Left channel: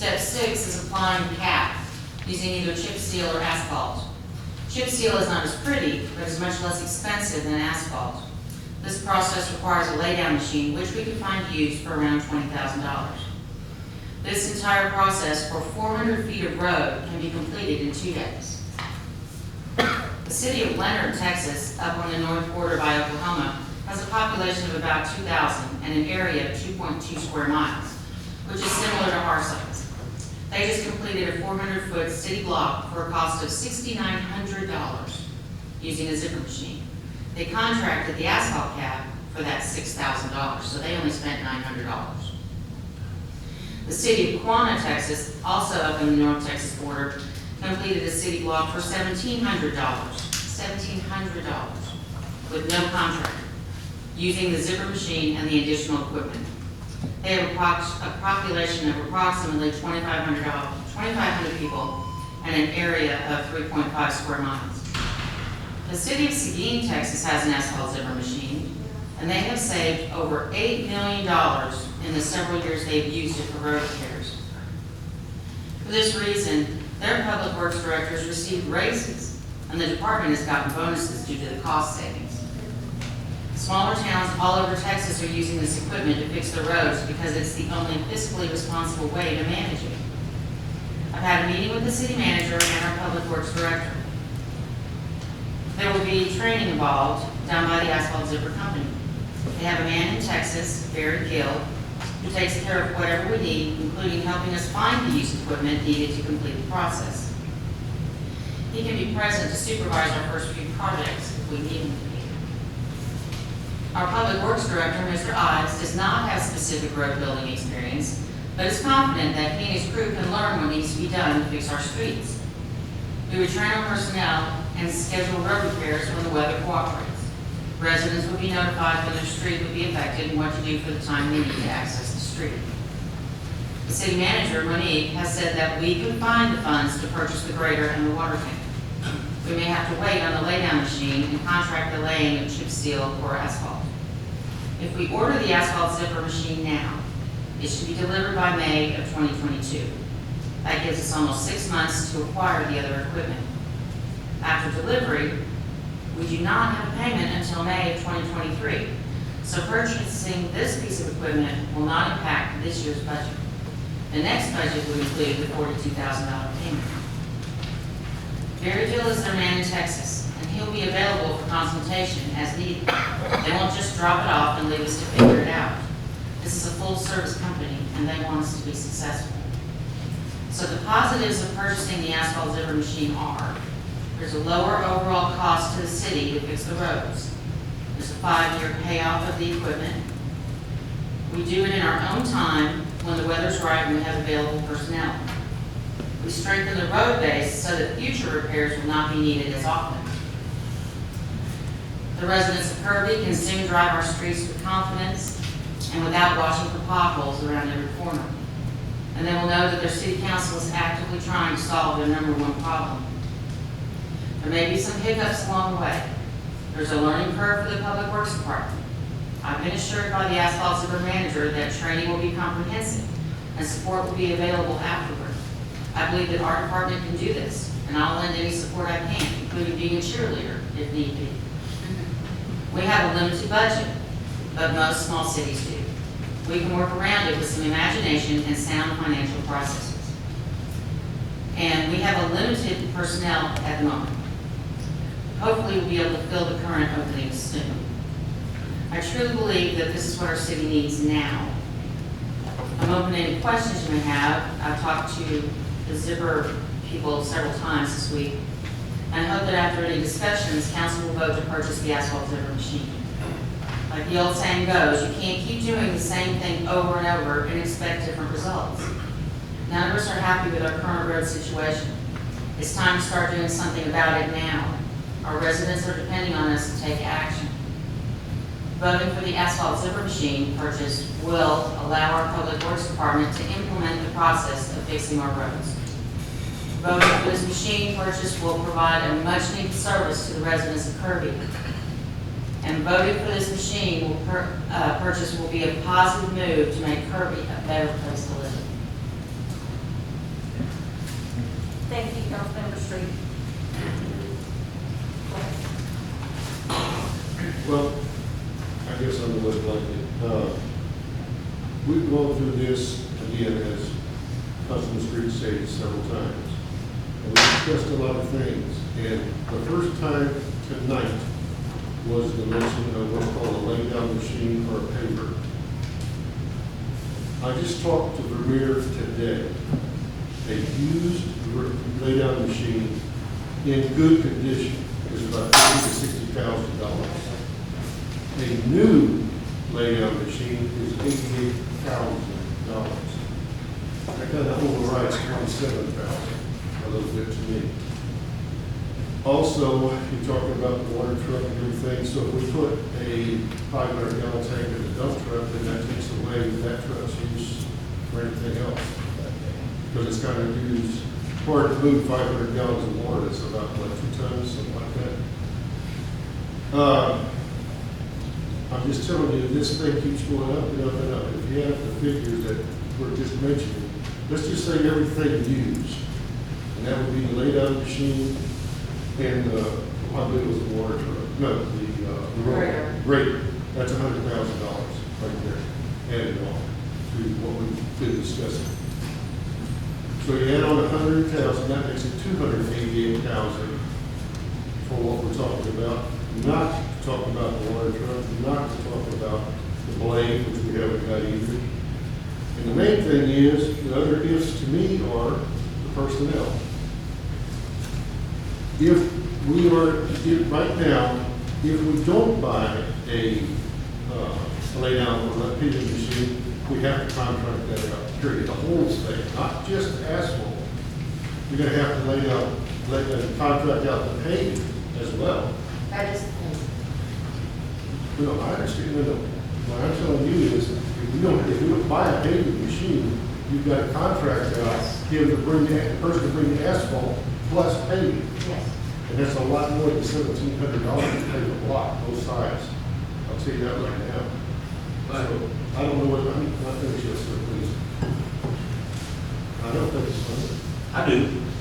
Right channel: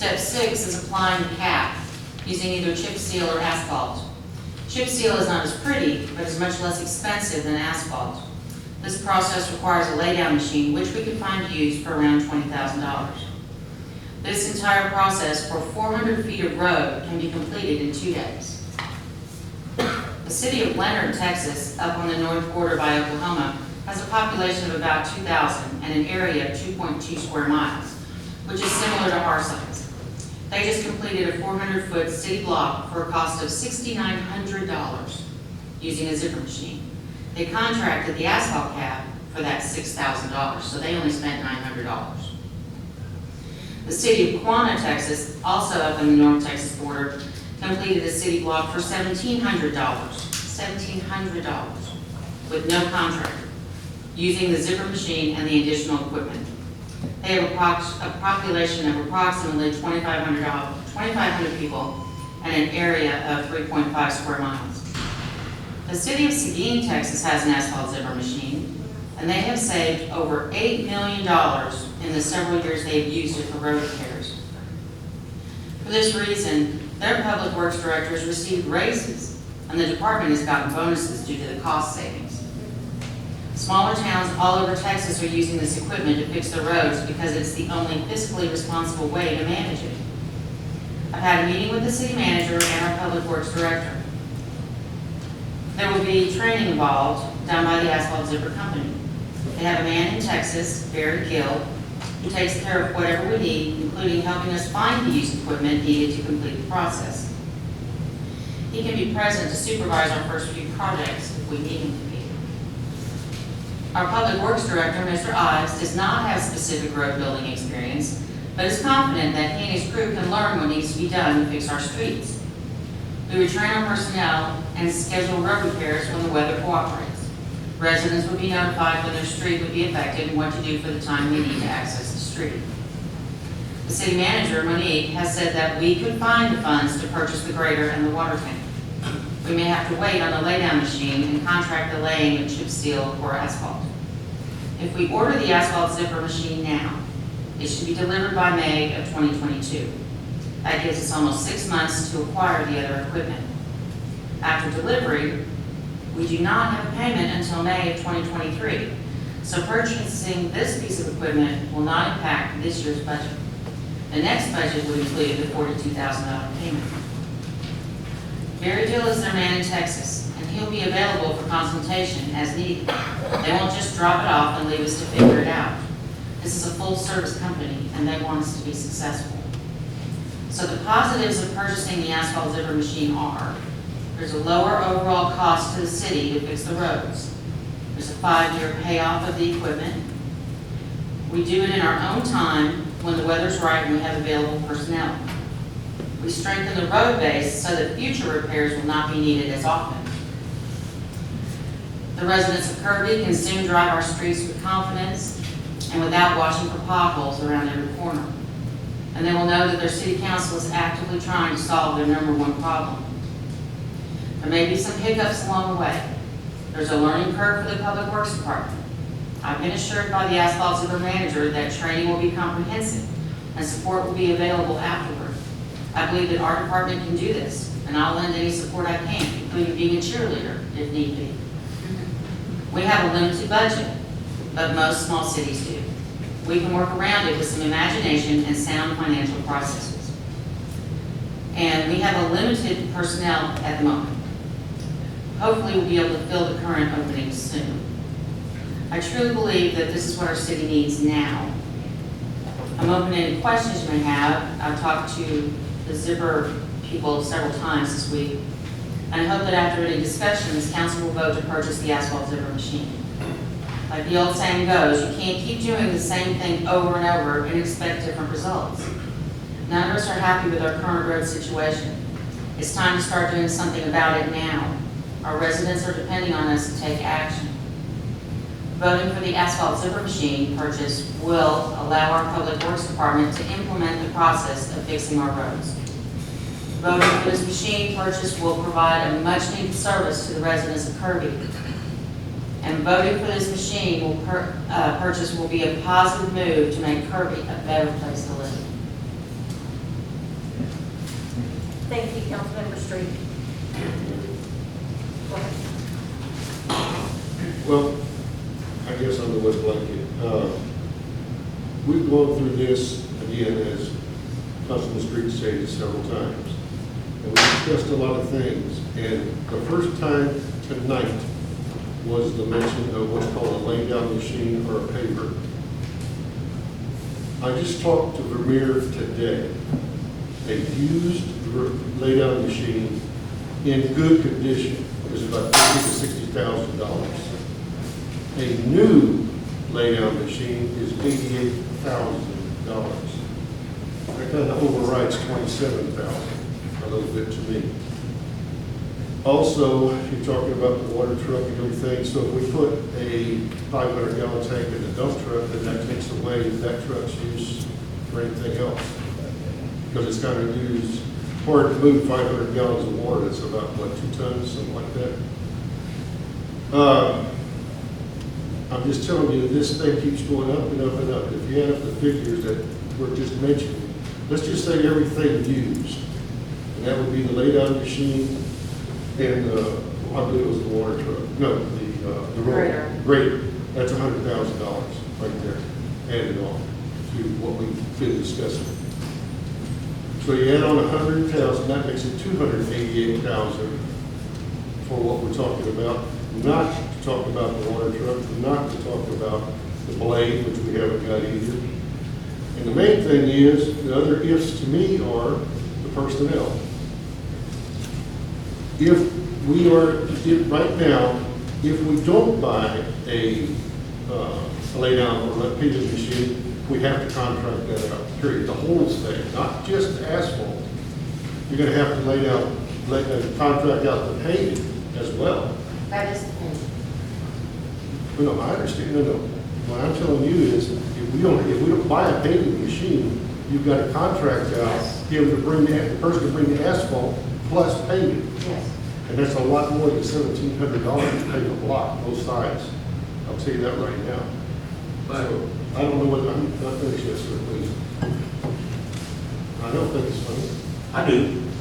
Step 6 is applying the cap using either chip seal or asphalt. Chip seal is not as pretty, but is much less expensive than asphalt. This process requires a laydown machine, which we can find used for around $20,000. This entire process for 400 feet of road can be completed in 2 days. The city of Leonard, Texas, up on the north border by Oklahoma, has a population of about 2,000 and an area of 2.2 square miles, which is similar to our size. They just completed a 400-foot city block for a cost of $6,900 using a zipper machine. They contracted the asphalt cap for that $6,000, so they only spent $900. The city of Quanah, Texas, also up on the North Texas border, completed a city block for $1,700, with no contractor, using the zipper machine and the additional equipment. They have a population of approximately 2,500 people and an area of 3.5 square miles. The city of Seguin, Texas has an asphalt zipper machine, and they have saved over $8 million in the several years they've used it for road repairs. For this reason, their public works directors received raises, and the department has gotten bonuses due to the cost savings. Smaller towns all over Texas are using this equipment to fix their roads because it's the only fiscally responsible way to manage it. I've had a meeting with the city manager and our public works director. There will be training involved done by the asphalt zipper company. They have a man in Texas, Barry Gill, who takes care of whatever we need, including helping us find the used equipment needed to complete the process. He can be present to supervise our first few projects if we need him to be. Our Public Works Director, Mr. Ives, does not have specific road building experience, but is confident that he and his crew can learn what needs to be done to fix our streets. We would train our personnel and schedule road repairs when the weather cooperates. Residents would be notified when their street would be affected and what to do for the time they need to access the street. The city manager, Monique, has said that we could find the funds to purchase the grader and the water tank. We may have to wait on the laydown machine and contract the laying of chip seal or asphalt. If we order the asphalt zipper machine now, it should be delivered by May of 2022. That gives us almost 6 months to acquire the other equipment. After delivery, we do not have a payment until May of 2023, so purchasing this piece of equipment will not impact this year's budget. The next budget will include the $42,000 payment. Barry Gill is their man in Texas, and he'll be available for consultation as needed. They won't just drop it off and leave us to figure it out. This is a full-service company, and they want us to be successful. So the positives of purchasing the asphalt zipper machine are: there's a lower overall cost to the city to fix the roads. There's a 5-year payoff of the equipment. We do it in our own time when the weather's right and we have available personnel. We strengthen the road base so that future repairs will not be needed as often. The residents of Kirby can soon drive our streets with confidence and without watching for potholes around every corner. And they will know that their city council is actively trying to solve their #1 problem. There may be some hiccups along the way. There's a learning curve for the Public Works Department. I've been assured by the asphalt zipper manager that training will be comprehensive and support will be available afterward. I believe that our department can do this, and I'll lend any support I can, including being a cheerleader if need be. We have a limited budget, but most small cities do. We can work around it with some imagination and sound financial processes. And we have a limited personnel at the moment. Hopefully we'll be able to fill the current openings soon. I truly believe that this is what our city needs now. I'm open to any questions you may have. I've talked to the zipper people several times this week, and I hope that after any discussions, council will vote to purchase the asphalt zipper machine. Like the old saying goes, you can't keep doing the same thing over and over and expect different results. None of us are happy with our current road situation. It's time to start doing something about it now. Our residents are depending on us to take action. Voting for the asphalt zipper machine purchase will allow our Public Works Department to implement the process of fixing our roads. Voting for this machine purchase will provide a much-needed service to the residents of Kirby. And voting for this machine purchase will be a positive move to make Kirby a better place to live. Thank you, Councilmember Street. Go ahead. Well, I guess I'm the wet blanket. We've gone through this again, as Councilman Street stated several times. And we discussed a lot of things. And the first time tonight was the mention of what's called a lay-down machine or a paver. I just talked to Vermeer today. A used lay-down machine in good condition is about $50,000 to $60,000. A new lay-down machine is $88,000. That kind of overrides $27,000 a little bit to me. Also, you're talking about the water truck and everything, so if we put a 500-gallon tank in the dump truck, then that takes away that truck's use for anything else. Because it's kind of used, hard to move 500 gallons of water, that's about, what, 2 tons, something like that. I'm just telling you, this thing keeps going up and up and up. If you add up the figures that were just mentioned, let's just say everything used, and that would be the lay-down machine and I believe it was the water truck. No, the Grader. Grader. That's $100,000 right there, added on to what we've been discussing. So you add on 100,000, that makes it 288,000 for what we're talking about. Not to talk about the water truck, not to talk about the blade, which we haven't got either. And the main thing is, the other ifs to me are the personnel. If we are, right now, if we don't buy a lay-down or a paving machine, we have to contract that out, period, the whole thing, not just asphalt. You're gonna have to contract out the paving as well. That is, No, I understand, no. What I'm telling you is, if we don't buy a paving machine, you've got to contract out, give the person to bring the asphalt plus paving. yes. And that's a lot more than $1,700 to pave a block, both sides. I'll tell you that right now. So, I don't know whether, I'm not finished yet, sir, please. I don't think it's funny. I do.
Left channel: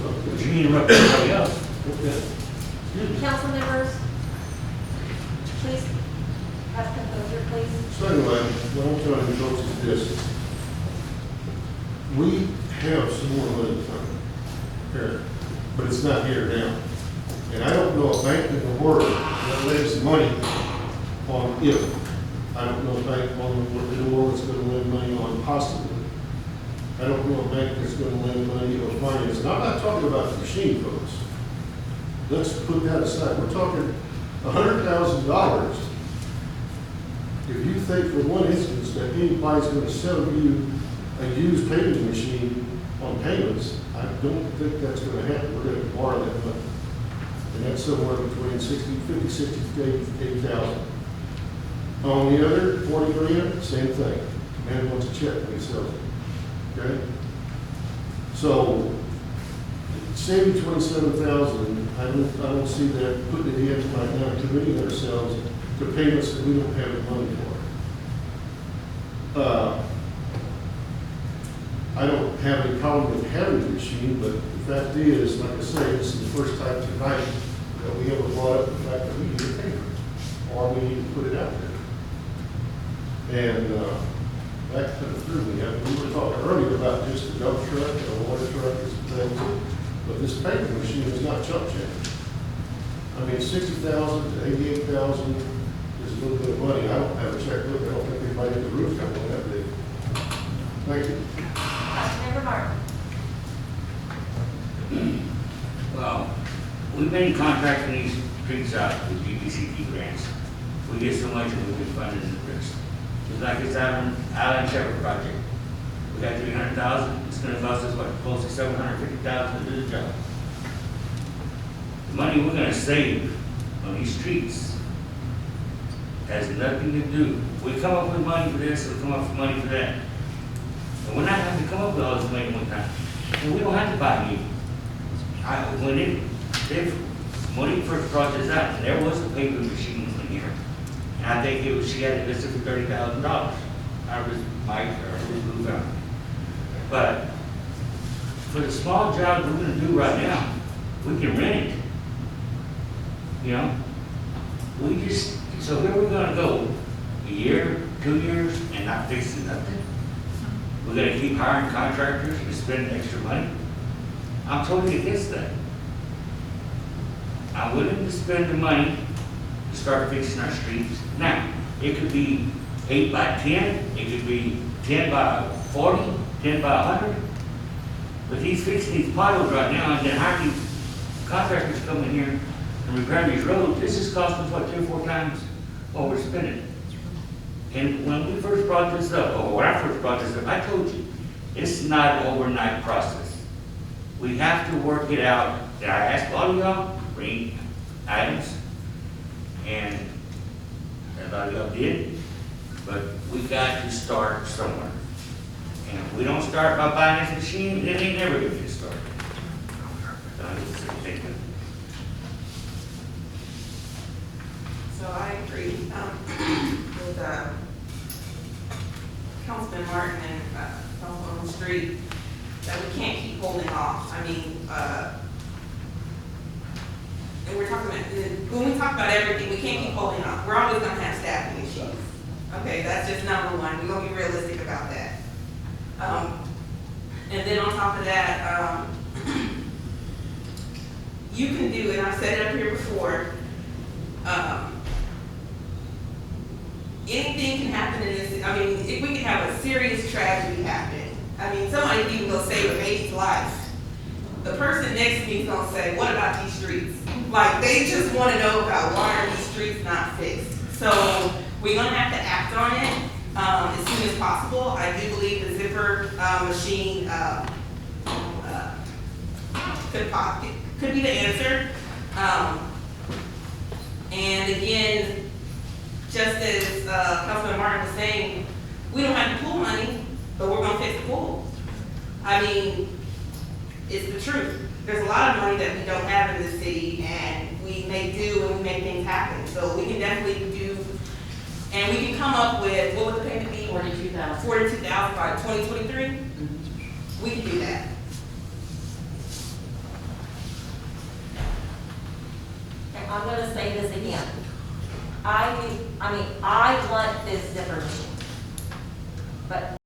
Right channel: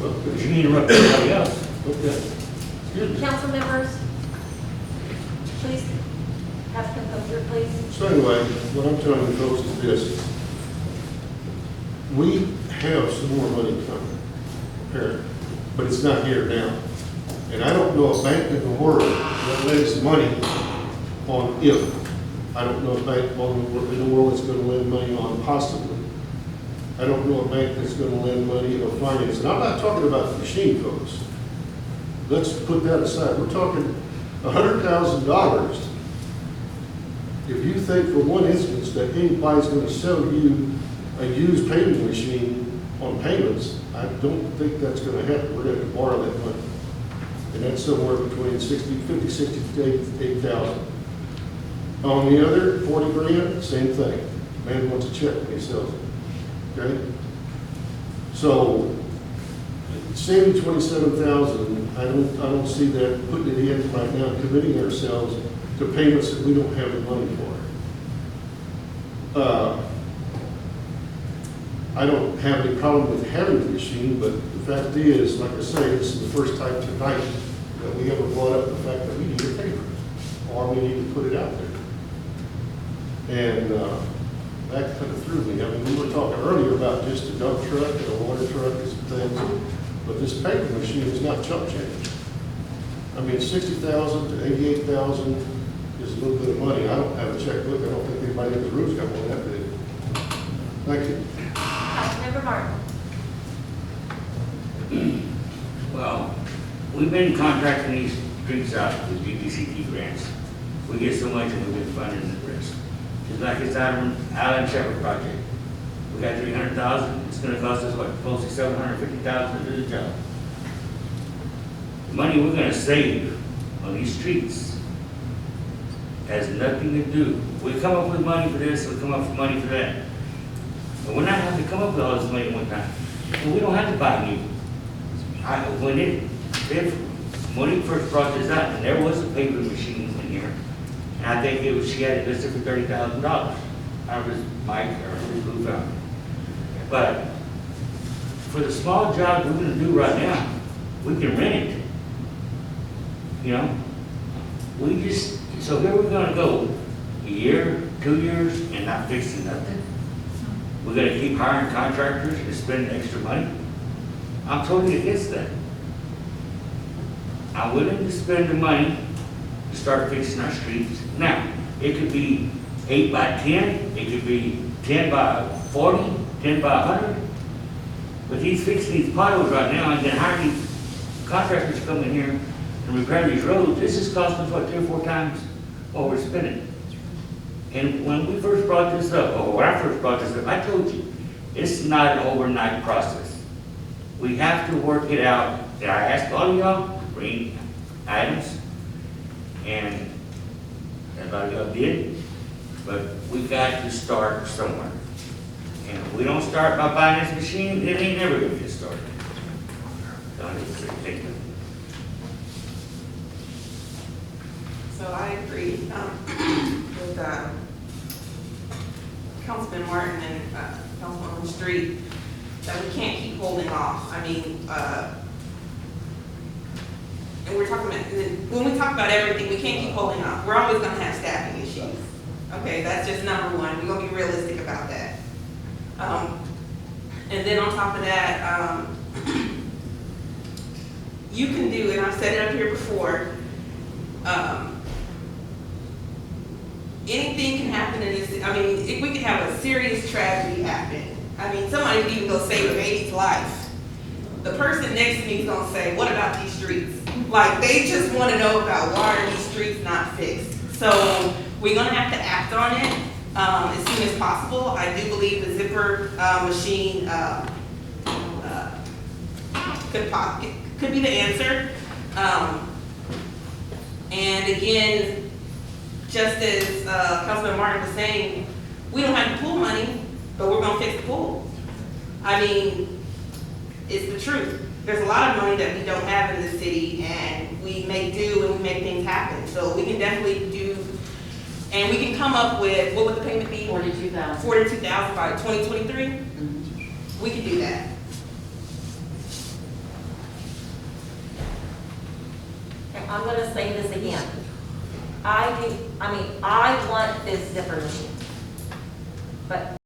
Well, But good. you interrupt everybody else. Okay. Excuse me. Council members, please have composure, please. So anyway, what I'm telling you folks is this. We have some more money coming, apparently, but it's not here now. And I don't know a bank in the world that lends money on if. I don't know a bank in the world that's going to lend money on possibly. I don't know a bank that's going to lend money or finance. And I'm not talking about the machine folks. Let's put that aside. We're talking $100,000. If you think for one instance that anybody's going to sell you a used paving machine on payments, I don't think that's going to happen. We're going to borrow that money. And that's somewhere between 50, 60 to 8,000. On the other, 40 grand, same thing. Man wants a check when he sells it. Okay? So, saving 27,000, I don't see that putting it in right now, committing ourselves to payments that we don't have the money for. I don't have any problem with having the machine, but the fact is, like I say, this is the first time tonight that we ever brought up the fact that we need a paper, or we need to put it out there. And that kind of threw me. I mean, we were talking earlier about just a dump truck and a water truck and some things, but this paper machine is not chump change. I mean, 60,000 to 88,000 is a little bit of money. I don't have a checkbook. I don't think anybody in the room's got one that big. Thank you. Councilmember Martin. Well, we've been contracting these streets out with DBCT grants. We get so much and we've been funding the rest. Just like this Island Shepherd project. We got 300,000, it's gonna cost us, what, close to 750,000 to do the job. The money we're gonna save on these streets has nothing to do. We come up with money for this, we come up with money for that. But we're not having to come up with all this money at one time. And we don't have to buy new. When he first brought this out, and there was a paper machine in here, and I think she had it listed for $30,000. I was Mike or who found it. But for the small jobs we're gonna do right now, we can rent it. You know? We just, so here we're gonna go a year, 2 years, and not fixing nothing? We're gonna keep hiring contractors and spending extra money? I'm totally against that. I'm willing to spend the money to start fixing our streets. Now, it could be 8 by 10, it could be 10 by 40, 10 by 100. But he's fixing these potholes right now and then hiring these contractors to come in here and repair these roads. This is costing us, what, 3 or 4 times what we're spending. And when we first brought this up, or when I first brought this up, I told you, it's not an overnight process. We have to work it out. And I asked all of y'all, bring items, and a lot of y'all did, but we got to start somewhere. And if we don't start by buying this machine, it ain't never gonna get started. Thank you. So I agree with Councilman Martin and Councilwoman Street that we can't keep holding off. I mean, and we're talking about, when we talk about everything, we can't keep holding off. We're always gonna have staffing issues. Okay, that's just number one. We're gonna be realistic about that. And then on top of that, you can do, and I've said it up here before, anything can happen in this. I mean, if we could have a serious tragedy happen, I mean, somebody could even go save a baby's life. The person next to me is gonna say, what about these streets? Like, they just wanna know about why are these streets not fixed? So, we're gonna have to act on it, as soon as possible. I do believe the zipper, machine, could be the answer. And again, just as, Councilman Martin was saying, we don't have the pool money, but we're gonna fix the pool. I mean, it's the truth. There's a lot of money that we don't have in this city, and we make do and we make things happen. So we can definitely do, and we can come up with, what would the payment be? $42,000. $42,000 by 2023? We can do that. And I'm gonna say this again. I want this zipper machine. But